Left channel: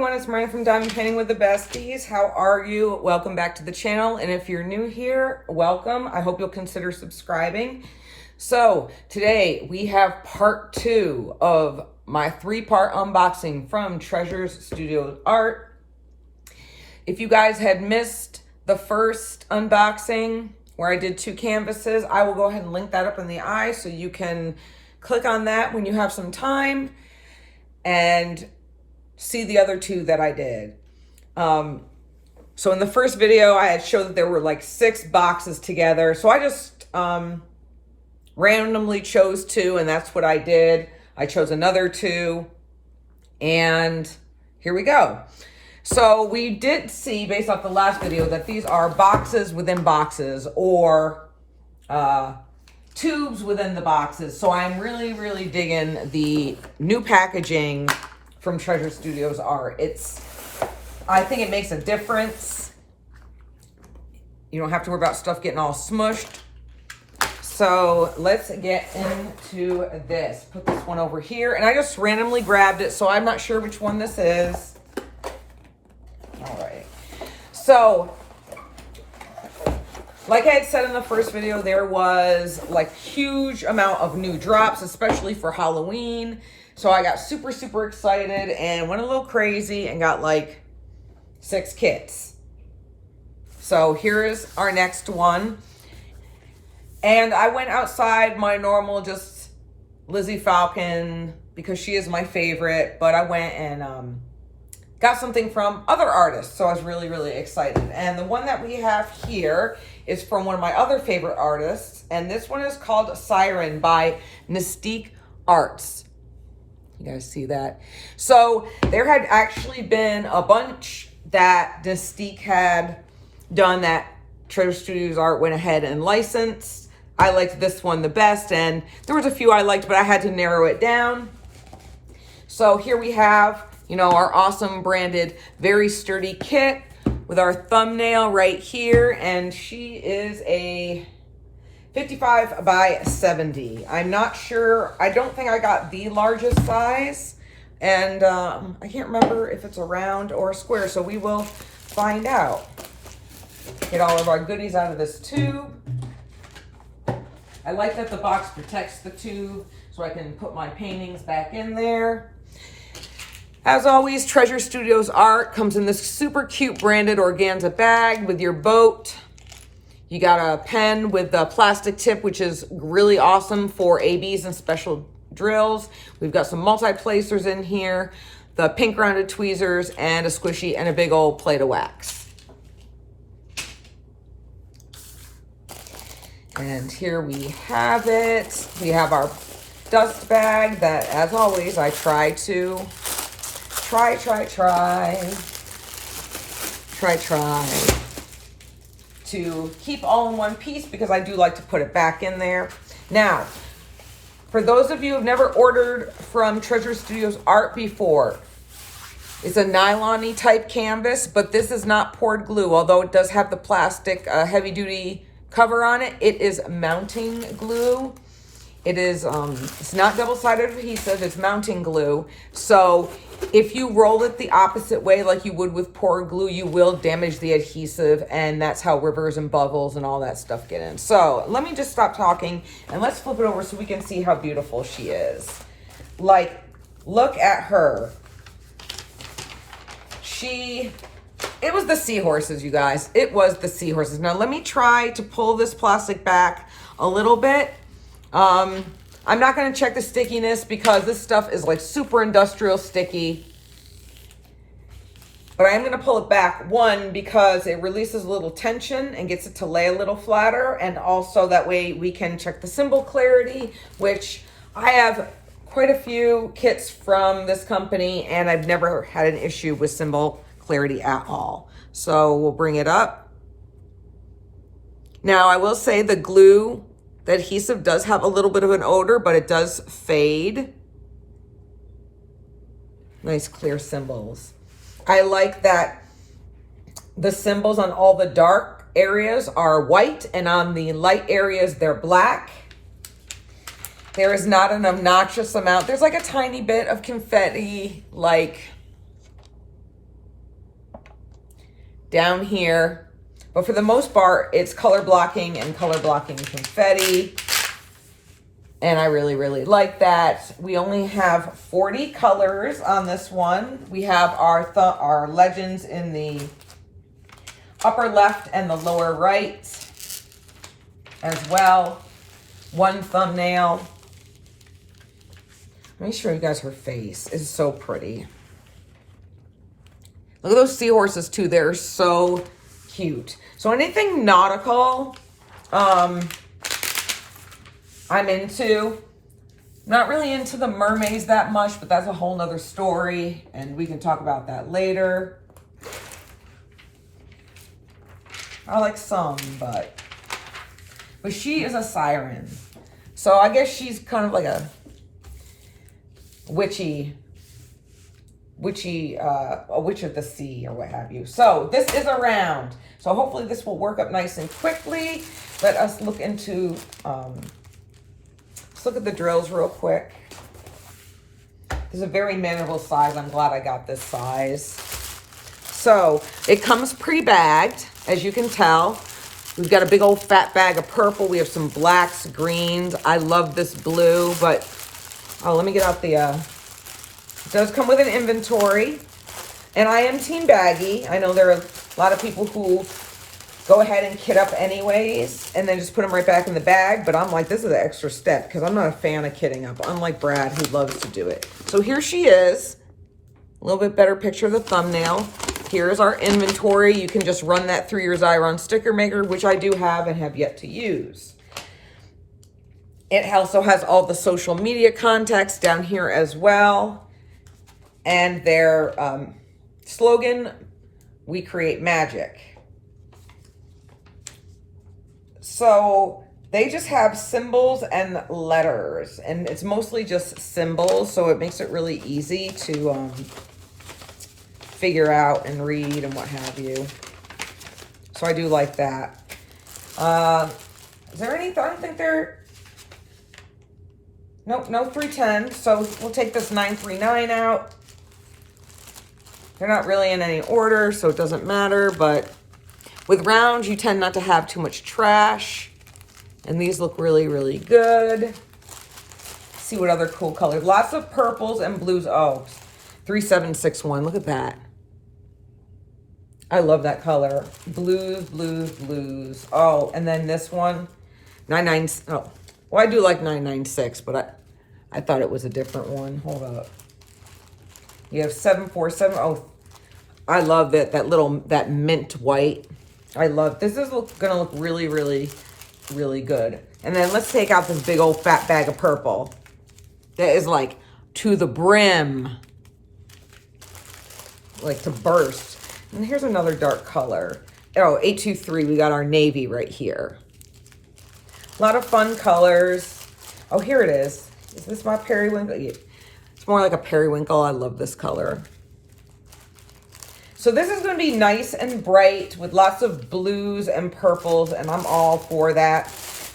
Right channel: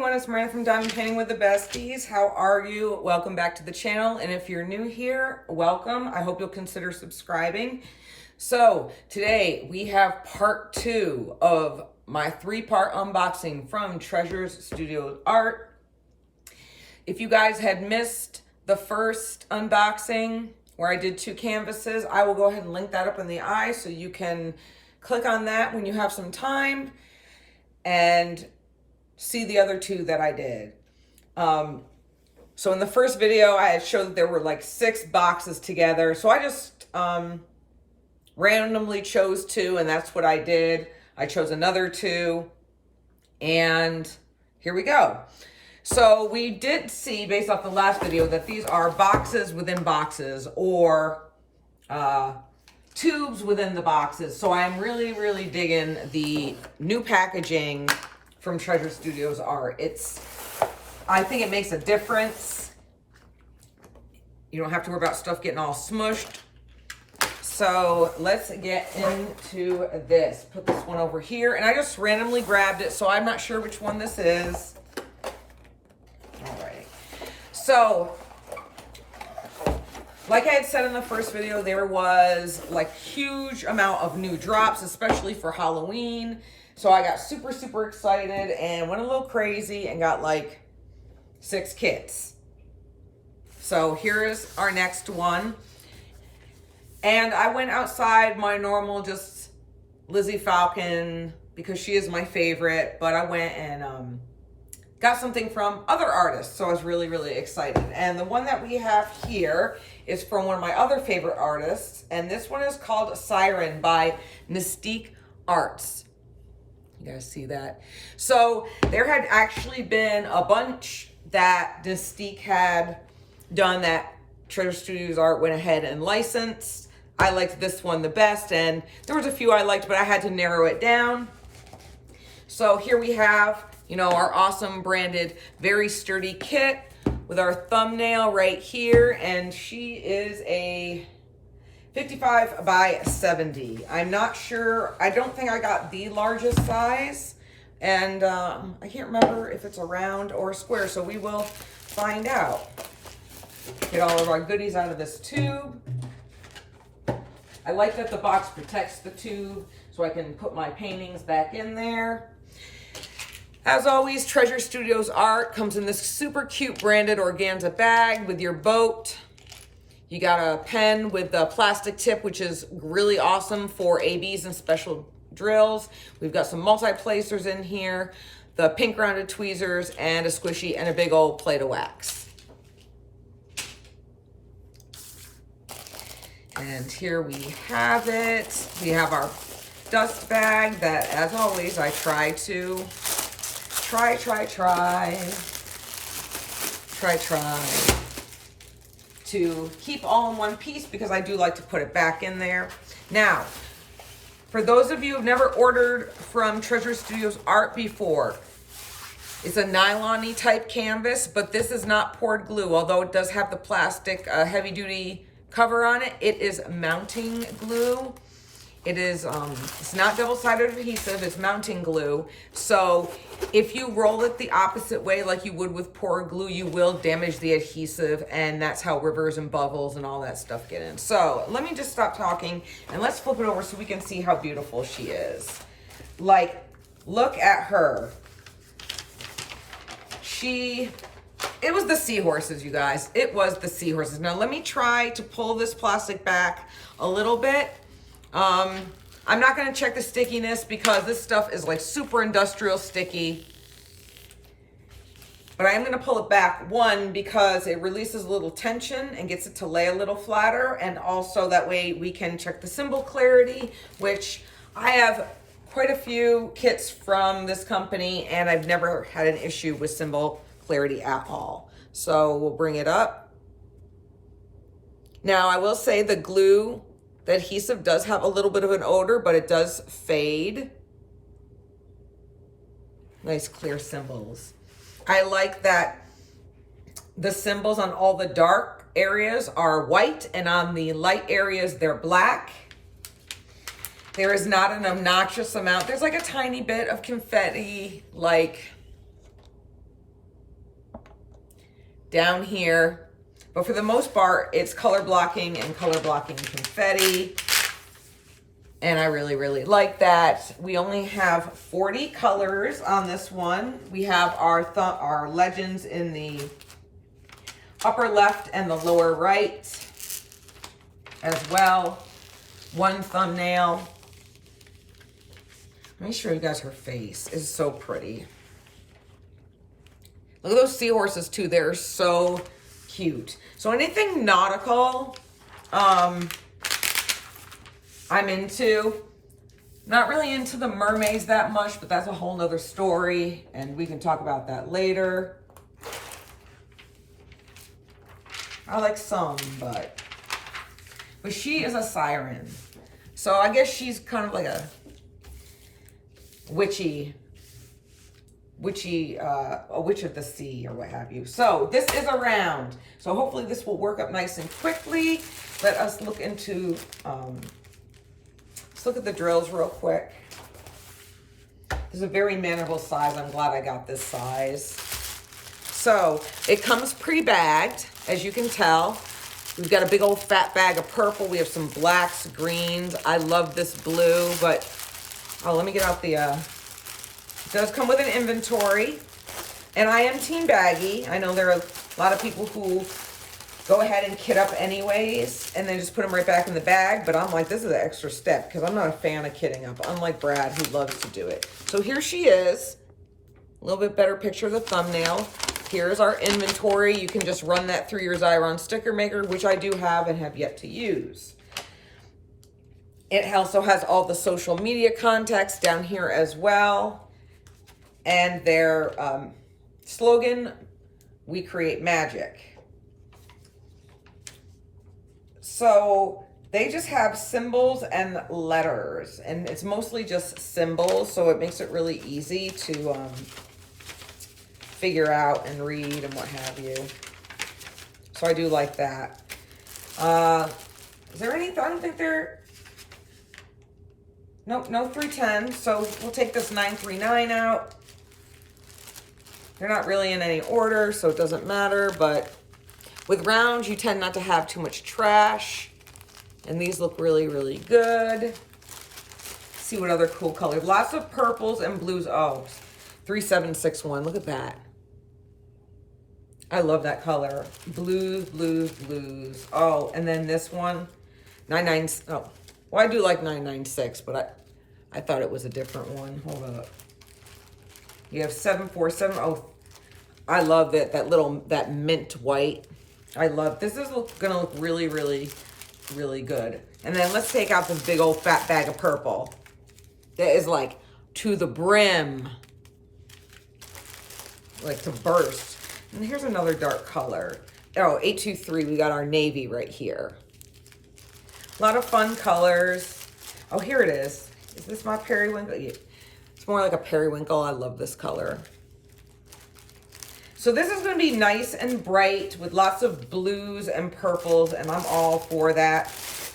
everyone, it's Miranda from Diamond Painting with the Besties. How are you? Welcome back to the channel. And if you're new here, welcome. I hope you'll consider subscribing. So today we have part 2 of my 3-part unboxing from Treasures Studio Art. If you guys had missed the first unboxing where I did 2 canvases, I will go ahead and link that up in the eye so you can click on that when you have some time and see the other 2 that I did. So in the first video, I had showed that there were like 6 boxes together. So I just randomly chose 2, and that's what I did. I chose another 2, and here we go. So we did see, based off the last video, that these are boxes within boxes, or tubes within the boxes. So I'm really digging the new packaging from Treasure Studios Art. I think it makes a difference. You don't have to worry about stuff getting all smushed. So let's get into this. Put this one over here, and I just randomly grabbed it, so I'm not sure which one this is. All right. So, like I had said in the first video, there was like huge amount of new drops, especially for Halloween. So I got super excited and went a little crazy and got like 6 kits. So here's our next one. And I went outside my normal just Lizzie Falcon because she is my favorite, but I went and got something from other artists. So I was really excited. And the one that we have here is from one of my other favorite artists. And this one is called Siren by Mystique Arts. You guys see that? So there had actually been a bunch that Mystique had done that Treasure Studios Art went ahead and licensed. I liked this one the best, and there was a few I liked, but I had to narrow it down. So here we have, you know, our awesome branded, very sturdy kit with our thumbnail right here, and she is a 55 by 70. I'm not sure. I don't think I got the largest size. And I can't remember if it's a round or a square. So we will find out. Get all of our goodies out of this tube. I like that the box protects the tube so I can put my paintings back in there. As always, Treasure Studios Art comes in this super cute branded organza bag with your boat. You got a pen with a plastic tip, which is really awesome for ABs and special drills. We've got some multi-placers in here, the pink rounded tweezers, and a squishy and a big old plate of wax. And here we have it. We have our dust bag that, as always, I try to try to keep all in one piece because I do like to put it back in there. Now, for those of you who've never ordered from Treasure Studios Art before, it's a nylon-y type canvas, but this is not poured glue, although it does have the plastic heavy-duty cover on it. It is mounting glue. It is, it's not double-sided adhesive, it's mounting glue. So if you roll it the opposite way like you would with poured glue, you will damage the adhesive, and that's how rivers and bubbles and all that stuff get in. So let me just stop talking and let's flip it over so we can see how beautiful she is. Like, look at her. It was the seahorses, you guys. It was the seahorses. Now let me try to pull this plastic back a little bit. I'm not going to check the stickiness because this stuff is like super industrial sticky. But I am going to pull it back, one, because it releases a little tension and gets it to lay a little flatter. And also that way we can check the symbol clarity, which I have quite a few kits from this company and I've never had an issue with symbol clarity at all. So we'll bring it up. Now I will say the glue, the adhesive does have a little bit of an odor, but it does fade. Nice clear symbols. I like that the symbols on all the dark areas are white and on the light areas they're black. There is not an obnoxious amount. There's like a tiny bit of confetti, like down here. But for the most part, it's color blocking and color blocking confetti. And I really, really like that. We only have 40 colors on this one. We have our legends in the upper left and the lower right as well. One thumbnail. Let me show you guys her face. It's so pretty. Look at those seahorses too. They're so cute. So anything nautical, I'm into. Not really into the mermaids that much, but that's a whole nother story, and we can talk about that later. I like some, but she is a siren. So I guess she's kind of like a witchy, a witch of the sea or what have you. So this is a round. So hopefully this will work up nice and quickly. Let us look into, let's look at the drills real quick. This is a very manageable size. I'm glad I got this size. So it comes pre-bagged, as you can tell. We've got a big old fat bag of purple. We have some blacks, greens. I love this blue, but oh, let me get out the, it does come with an inventory. And I am team baggy. I know there are a lot of people who go ahead and kit up anyways, and then just put them right back in the bag. But I'm like, this is an extra step because I'm not a fan of kitting up, unlike Brad, who loves to do it. So here she is. A little bit better picture of the thumbnail. Here's our inventory. You can just run that through your Xyron sticker maker, which I do have and have yet to use. It also has all the social media contacts down here as well. And their slogan, we create magic. So they just have symbols and letters, and it's mostly just symbols. So it makes it really easy to figure out and read and what have you. So I do like that. Is there any, I don't think they're, nope, no 310. So we'll take this 939 out. They're not really in any order, so it doesn't matter, but with rounds, you tend not to have too much trash. And these look really, really good. Let's see what other cool colors. Lots of purples and blues. Oh, 3761, look at that. I love that color. Blues, blues, blues. Oh, and then this one, 99. Oh, well, I do like 996, but I thought it was a different one. Hold up. You have 747. Oh, I love that mint white. I love, this is gonna look really, really, really good. And then let's take out this big old fat bag of purple. That is like to the brim. Like to burst. And here's another dark color. Oh, 823, we got our navy right here. A lot of fun colors. Oh, here it is. Is this my periwinkle? Yeah. It's more like a periwinkle. I love this color. So this is going to be nice and bright with lots of blues and purples, and I'm all for that,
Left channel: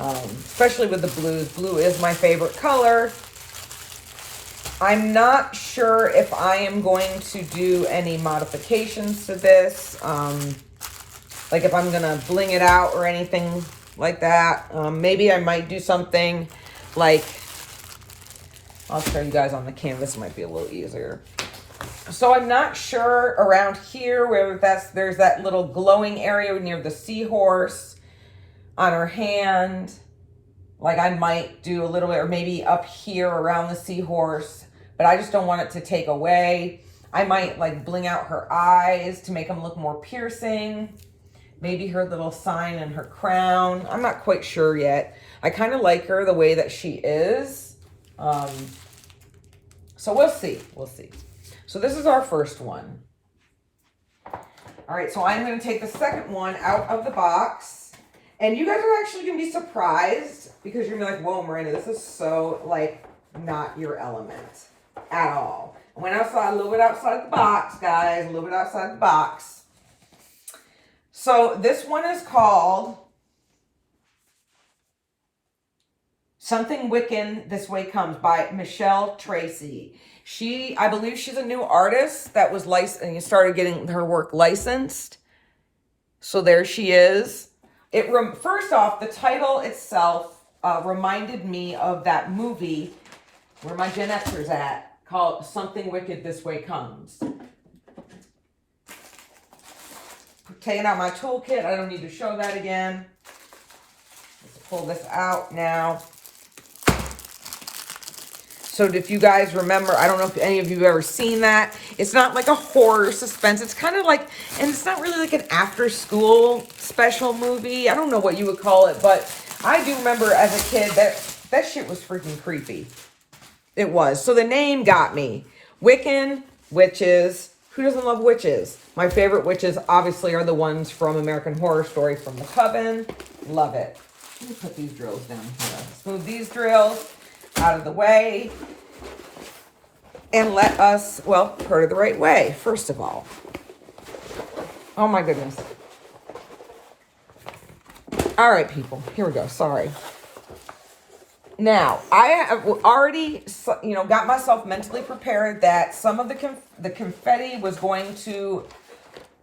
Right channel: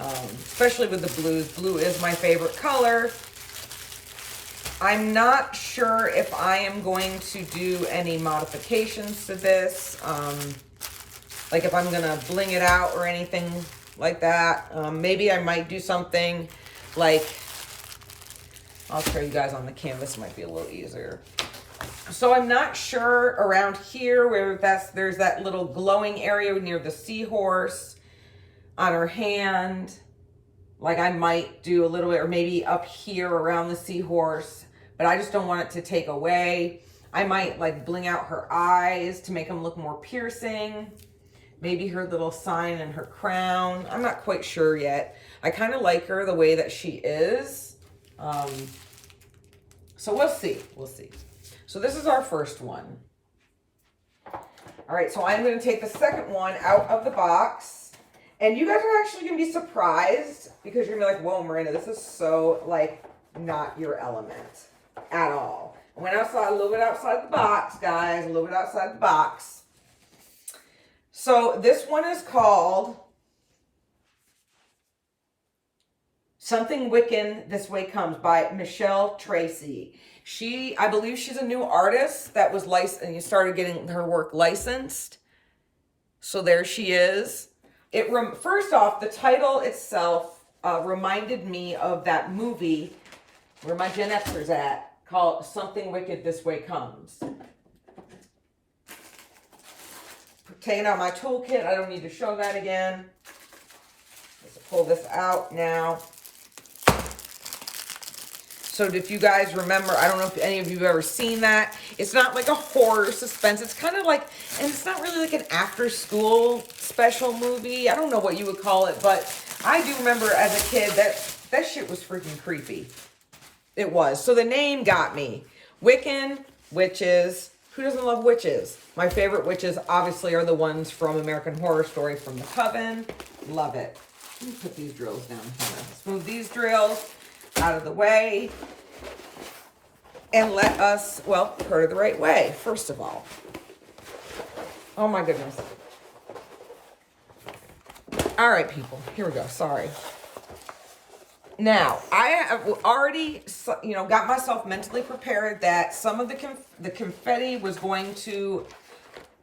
especially with the blues. Blue is my favorite color. I'm not sure if I am going to do any modifications to this, like if I'm going to bling it out or anything like that. Maybe I might do something like, I'll show you guys on the canvas, might be a little easier. So I'm not sure around here where there's that little glowing area near the seahorse on her hand. Like I might do a little bit, or maybe up here around the seahorse, but I just don't want it to take away. I might like bling out her eyes to make them look more piercing. Maybe her little sign and her crown. I'm not quite sure yet. I kind of like her the way that she is. So we'll see, we'll see. So this is our first one. All right, so I'm going to take the second one out of the box. And you guys are actually going to be surprised because you're going to be like, whoa, Miranda, this is so, like, not your element at all. I went outside, a little bit outside the box, guys, a little bit outside the box. So this one is called Something Wiccan This Way Comes by Michelle Tracy. I believe she's a new artist that was licensed and you started getting her work licensed. So there she is. First off, the title itself reminded me of that movie where my Gen Xers at, called Something Wicked This Way Comes. Taking out my toolkit. I don't need to show that again. Let's pull this out now. So if you guys remember, I don't know if any of you have ever seen that. It's not like a horror suspense. It's kind of like, and it's not really like an after school special movie. I don't know what you would call it, but I do remember as a kid that shit was freaking creepy. It was. So the name got me. Wiccan, witches. Who doesn't love witches? My favorite witches obviously are the ones from American Horror Story, from the Coven. Love it. Let me put these drills down here. Let's move these drills out of the way and let us, well, put it the right way, first of all. Oh my goodness. All right, people, here we go. Sorry. Now, I have already, got myself mentally prepared that some of the confetti was going to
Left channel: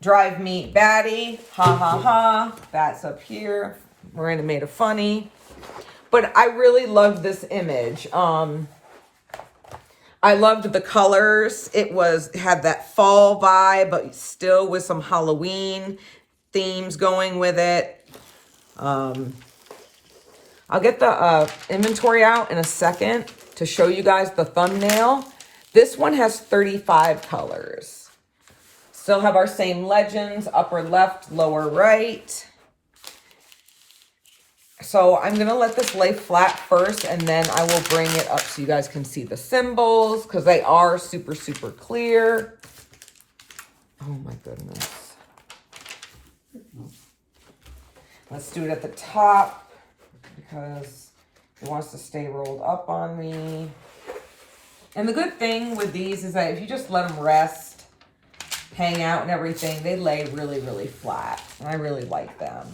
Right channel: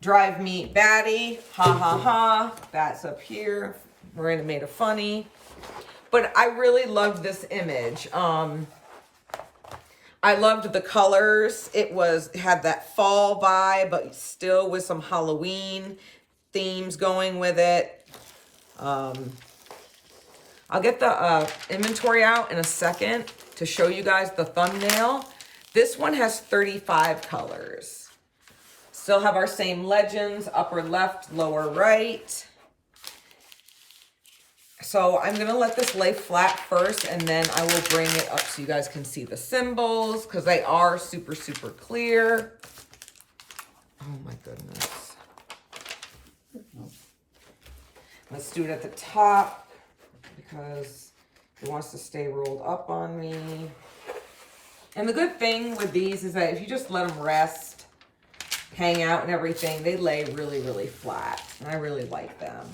drive me batty. Ha ha ha. That's up here. Miranda made a funny. But I really loved this image. I loved the colors. It had that fall vibe, but still with some Halloween themes going with it. I'll get the inventory out in a second to show you guys the thumbnail. This one has 35 colors. Still have our same legends, upper left, lower right. So I'm going to let this lay flat first, and then I will bring it up so you guys can see the symbols, because they are super, super clear. Oh my goodness. Let's do it at the top, because it wants to stay rolled up on me. And the good thing with these is that if you just let them rest, hang out and everything, they lay really, really flat. And I really like them.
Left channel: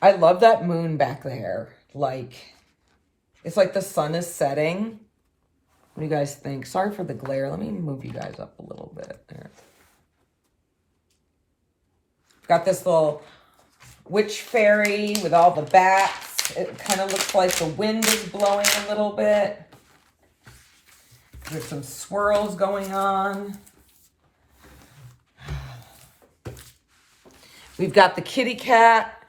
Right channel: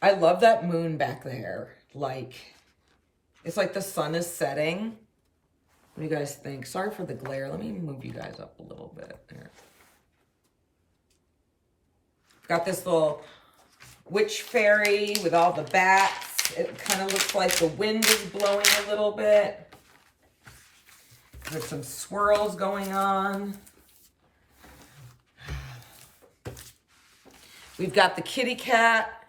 I love that moon back there. Like, it's like the sun is setting. What do you guys think? Sorry for the glare. Let me move you guys up a little bit. Here. Got this little witch fairy with all the bats. It kind of looks like the wind is blowing a little bit. There's some swirls going on. We've got the kitty cat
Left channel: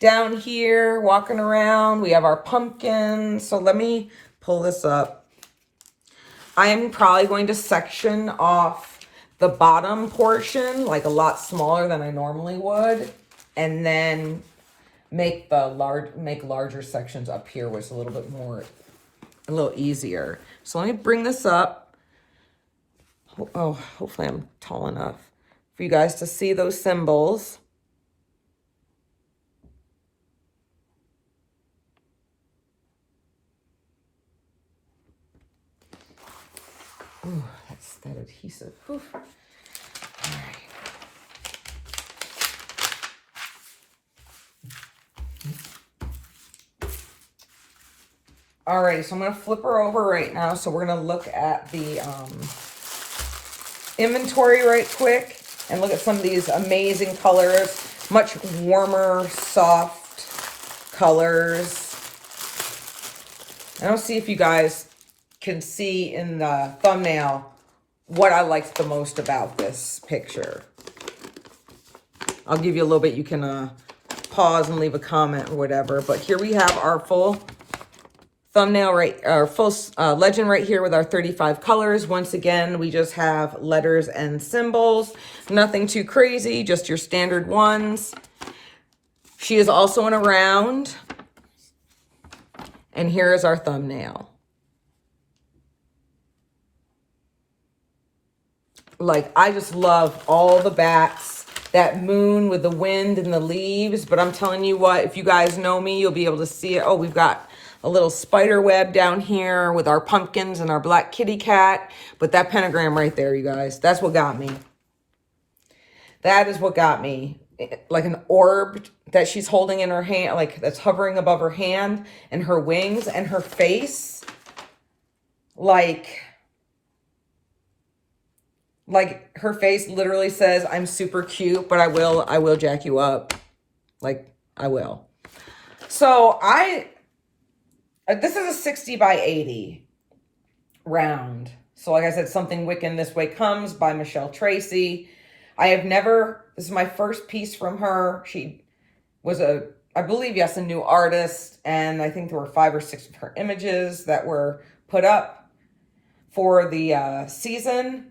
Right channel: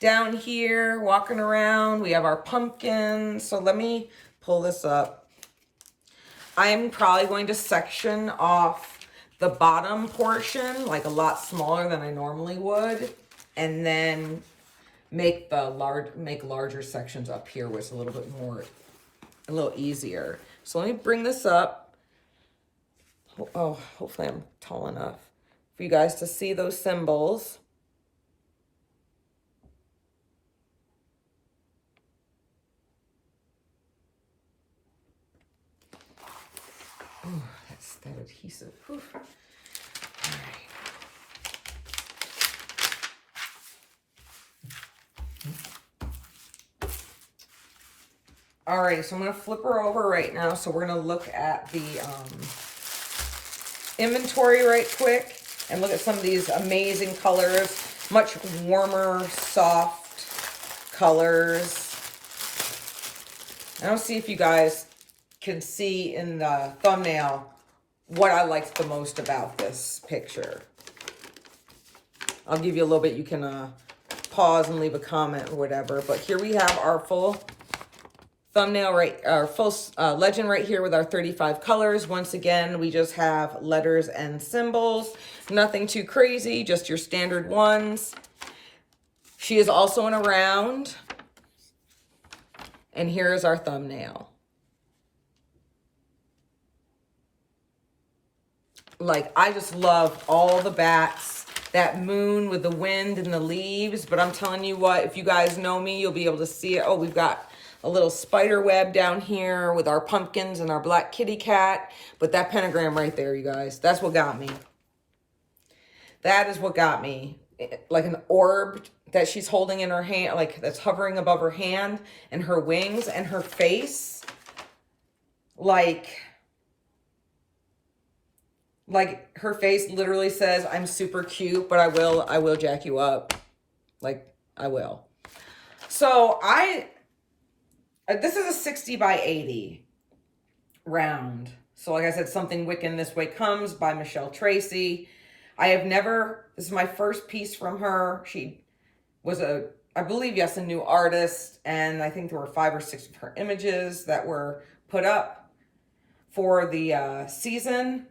down here walking around. We have our pumpkin. So let me pull this up. I am probably going to section off the bottom portion, like a lot smaller than I normally would, and then make larger sections up here, which is a little easier. So let me bring this up. Oh, hopefully I'm tall enough for you guys to see those symbols. Ooh, that's that adhesive. Oof. All right, so I'm going to flip her over right now. So we're going to look at the inventory right quick and look at some of these amazing colors. Much warmer, soft colors. I don't see if you guys can see in the thumbnail what I liked the most about this picture. I'll give you a little bit. You can pause and leave a comment or whatever. But here we have our full thumbnail, our full legend right here with our 35 colors. Once again, we just have letters and symbols. Nothing too crazy, just your standard ones. She is also in a round. And here is our thumbnail. Like, I just love all the bats, that moon with the wind and the leaves. But I'm telling you what, if you guys know me, you'll be able to see it. Oh, we've got a little spider web down here with our pumpkins and our black kitty cat. But that pentagram right there, you guys, that's what got me. That is what got me. Like an orb that she's holding in her hand, like that's hovering above her hand, and her wings and her face. Like, Like, her face literally says, I'm super cute, but I will jack you up. Like, I will. So this is a 60 by 80 round. So like I said, Something Wiccan This Way Comes by Michelle Tracy. This is my first piece from her. She was I believe, yes, a new artist. And I think there were 5 or 6 of her images that were put up for the season.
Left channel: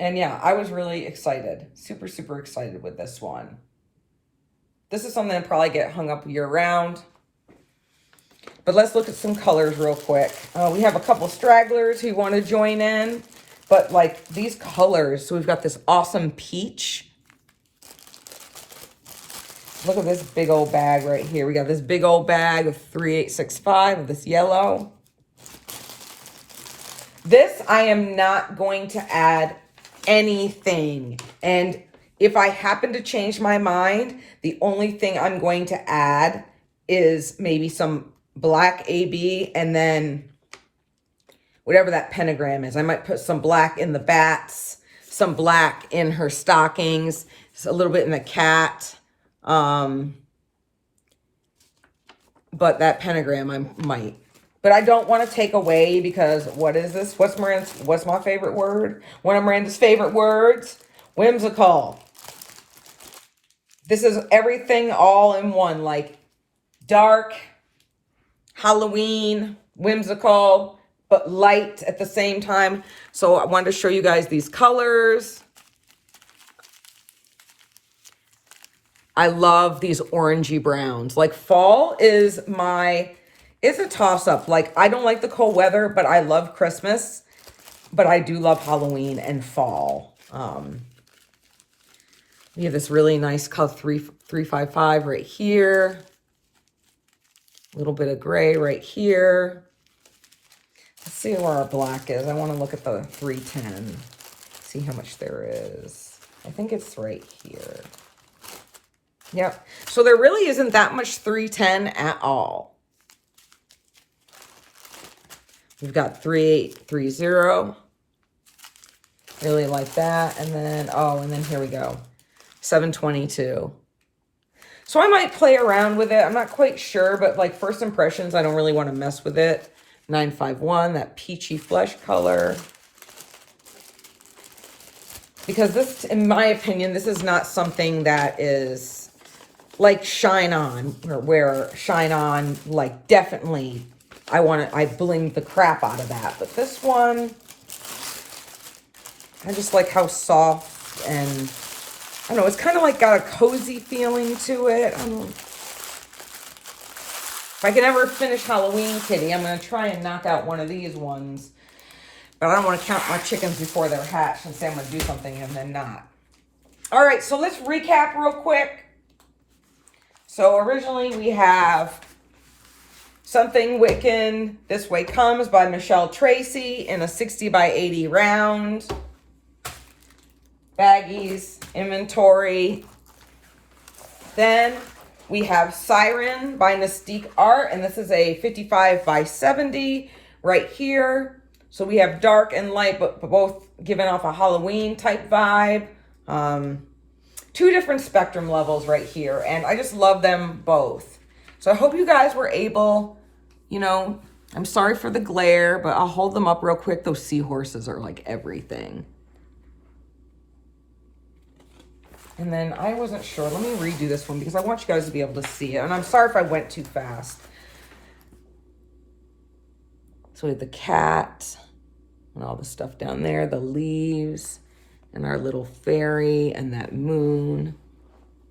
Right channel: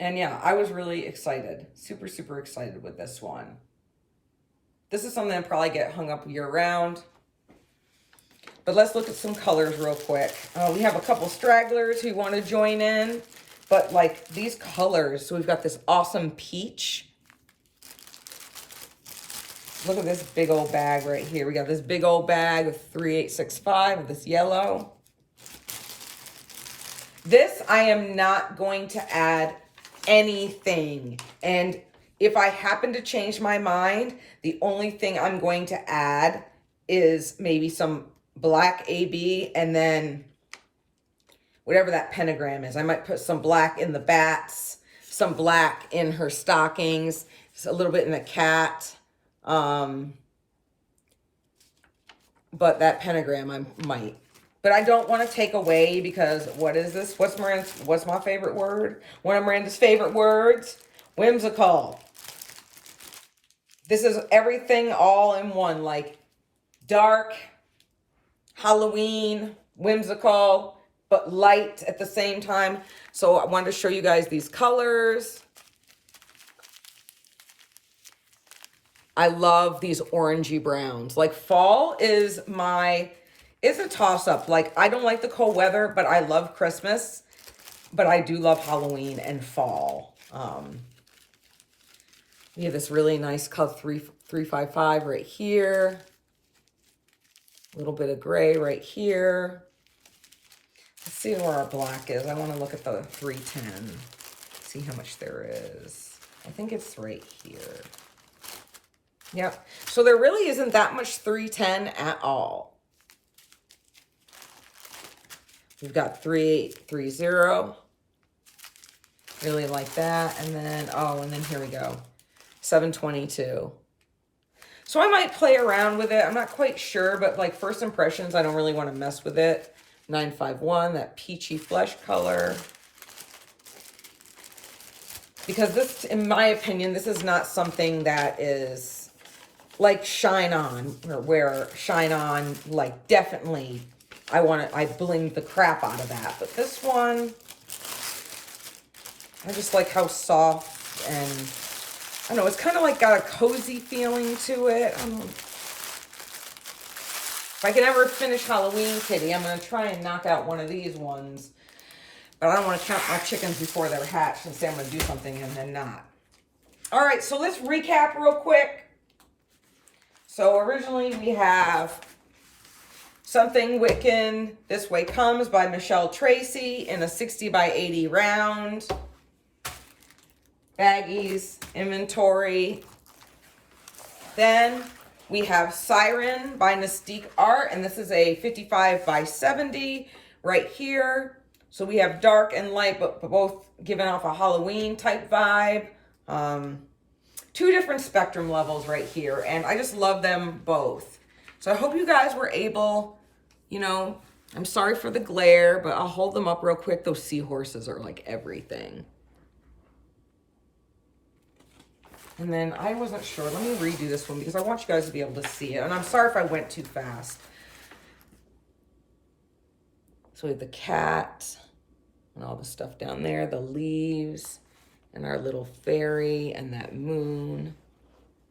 And yeah, I was really excited. Super, super excited with this one. This is something that probably get hung up year round. But let's look at some colors real quick. We have a couple stragglers who want to join in. But like these colors, so we've got this awesome peach. Look at this big old bag right here. We got this big old bag of 3865 of this yellow. This, I am not going to add anything. And if I happen to change my mind, the only thing I'm going to add is maybe some black AB and then whatever that pentagram is. I might put some black in the bats, some black in her stockings, just a little bit in the cat. But that pentagram I might. But I don't want to take away, because what is this? What's my favorite word? One of Miranda's favorite words? Whimsical. This is everything all in one, like dark, Halloween, whimsical, but light at the same time. So I wanted to show you guys these colors. I love these orangey browns. Like fall is a toss-up. Like, I don't like the cold weather, but I love Christmas. But I do love Halloween and fall. We have this really nice color, 355 right here. A little bit of gray right here. Let's see where our black is. I want to look at the 310. See how much there is. I think it's right here. Yep. So there really isn't that much 310 at all. We've got 3830. Really like that. And then, and then here we go. 722. So I might play around with it. I'm not quite sure, but like first impressions, I don't really want to mess with it. 951, that peachy flesh color. Because this, in my opinion, this is not something that is like Shine On, or where Shine On, like definitely, I blinged the crap out of that. But this one, I just like how soft and, I don't know, it's kind of like got a cozy feeling to it. If I can ever finish Halloween Kitty, I'm going to try and knock out one of these ones. But I don't want to count my chickens before they're hatched and say I'm going to do something and then not. All right, so let's recap real quick. So originally we have Something Wiccan This Way Comes by Michelle Tracy in a 60 by 80 round. Baggies, inventory. Then we have Siren by Mystique Art, and this is a 55 by 70 right here. So we have dark and light, but both giving off a Halloween type vibe. 2 different spectrum levels right here, and I just love them both. So I hope you guys were able, you know, I'm sorry for the glare, but I'll hold them up real quick. Those seahorses are like everything. And then I wasn't sure. Let me redo this one because I want you guys to be able to see it. And I'm sorry if I went too fast. So we have the cat and all the stuff down there, the leaves and our little fairy and that moon.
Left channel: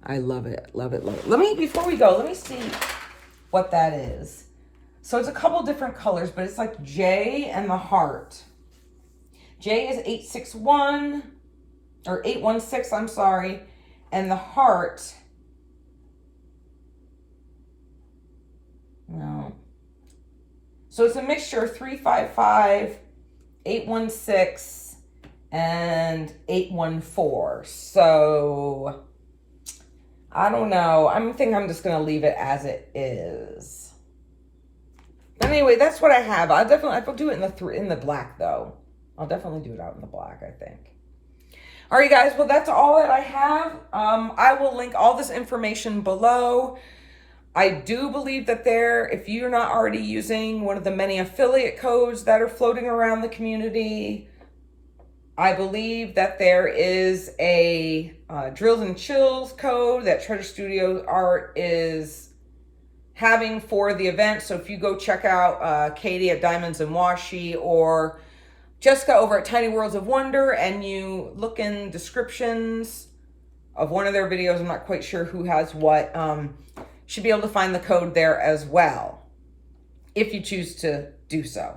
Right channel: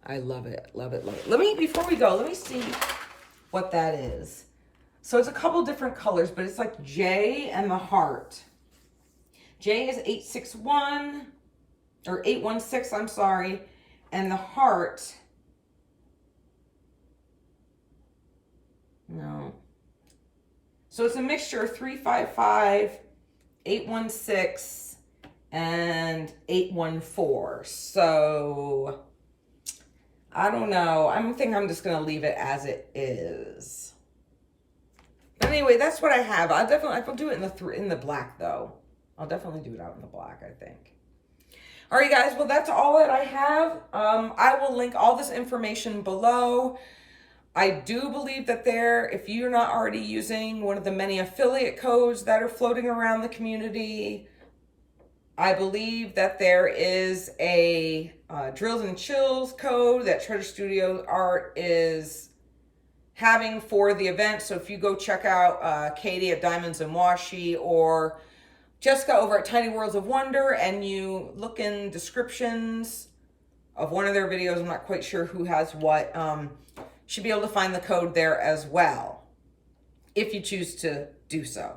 I love it, love it, love it. Before we go, let me see what that is. So it's a couple different colors, but it's like J and the heart. J is 861 or 816, I'm sorry. And the heart, no. So it's a mixture of 355, 816, and 814. So I don't know. I think I'm just going to leave it as it is. But anyway, that's what I have. I'll do it in the black though. I'll definitely do it out in the black, I think. All right, guys, well, that's all that I have. I will link all this information below. I do believe that if you're not already using one of the many affiliate codes that are floating around the community, I believe that there is a Drills and Chills code that Treasure Studio Art is having for the event. So if you go check out Katie at Diamonds and Washi or Jessica over at Tiny Worlds of Wonder and you look in descriptions of one of their videos, I'm not quite sure who has what, should be able to find the code there as well, if you choose to do so.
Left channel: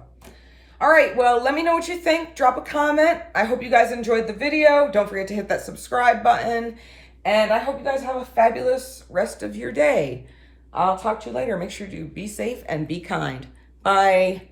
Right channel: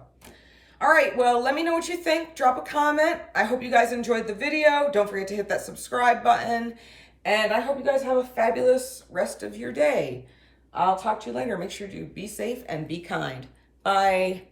All right, well, let me know what you think. Drop a comment. I hope you guys enjoyed the video. Don't forget to hit that subscribe button. And I hope you guys have a fabulous rest of your day. I'll talk to you later. Make sure to be safe and be kind. Bye.